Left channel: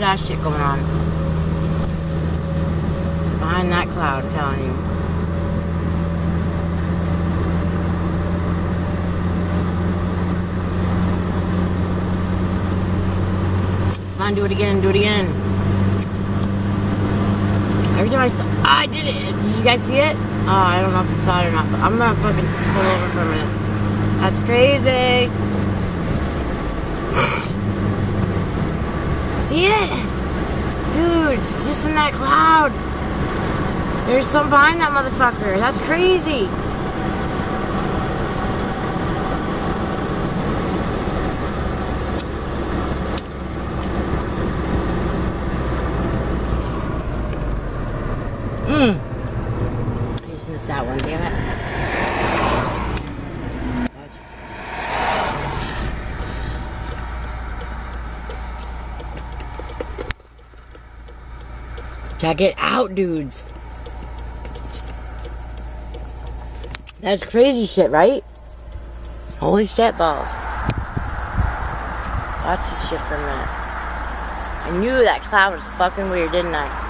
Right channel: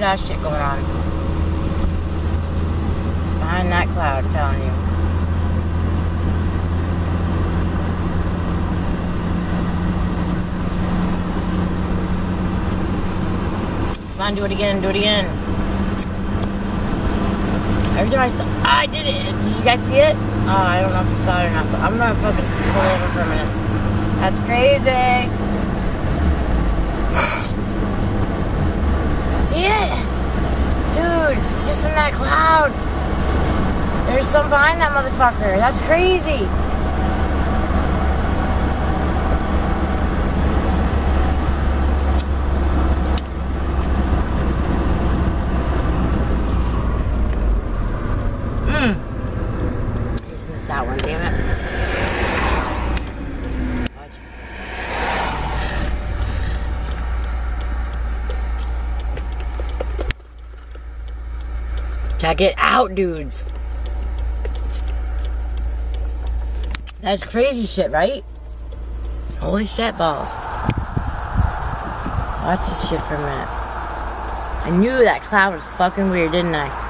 weird ass shit going on. Behind that cloud, I'm telling you. Come on, do it again, do it again. Every time I did it. Did you guys see it? Oh, I don't know if you saw it or not, but I'm gonna fucking pull over for a minute. That's crazy. See it? Dude, it's just in that cloud. There's some behind that motherfucker. That's crazy. I just missed that one, damn it. Check it out, dudes. That's crazy shit, right? Holy shit balls. Watch this shit for a minute. I knew that cloud was fucking weird, didn't I?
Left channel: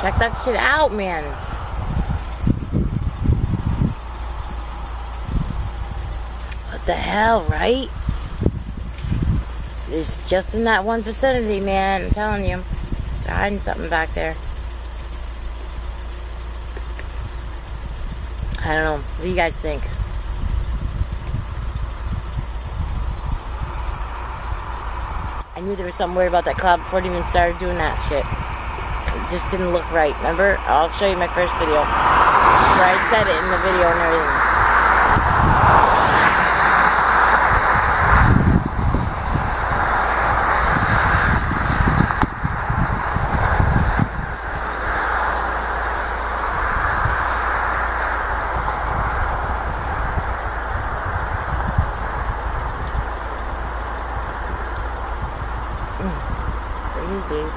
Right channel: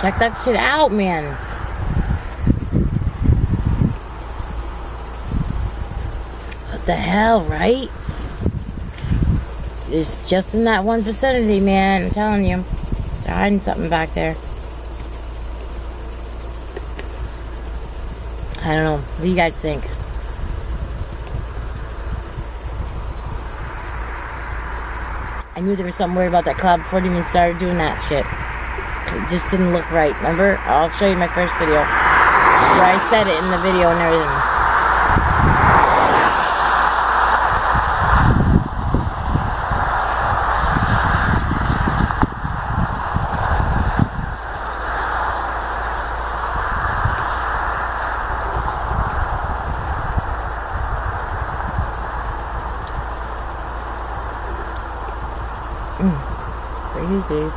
Check that shit out, man. What the hell, right? It's just in that one vicinity, man. I'm telling you. They're hiding something back there. I don't know. What do you guys think? I knew there was something weird about that cloud before it even started doing that shit. It just didn't look right, remember? I'll show you my first video where I said it in the video and everything. Crazy.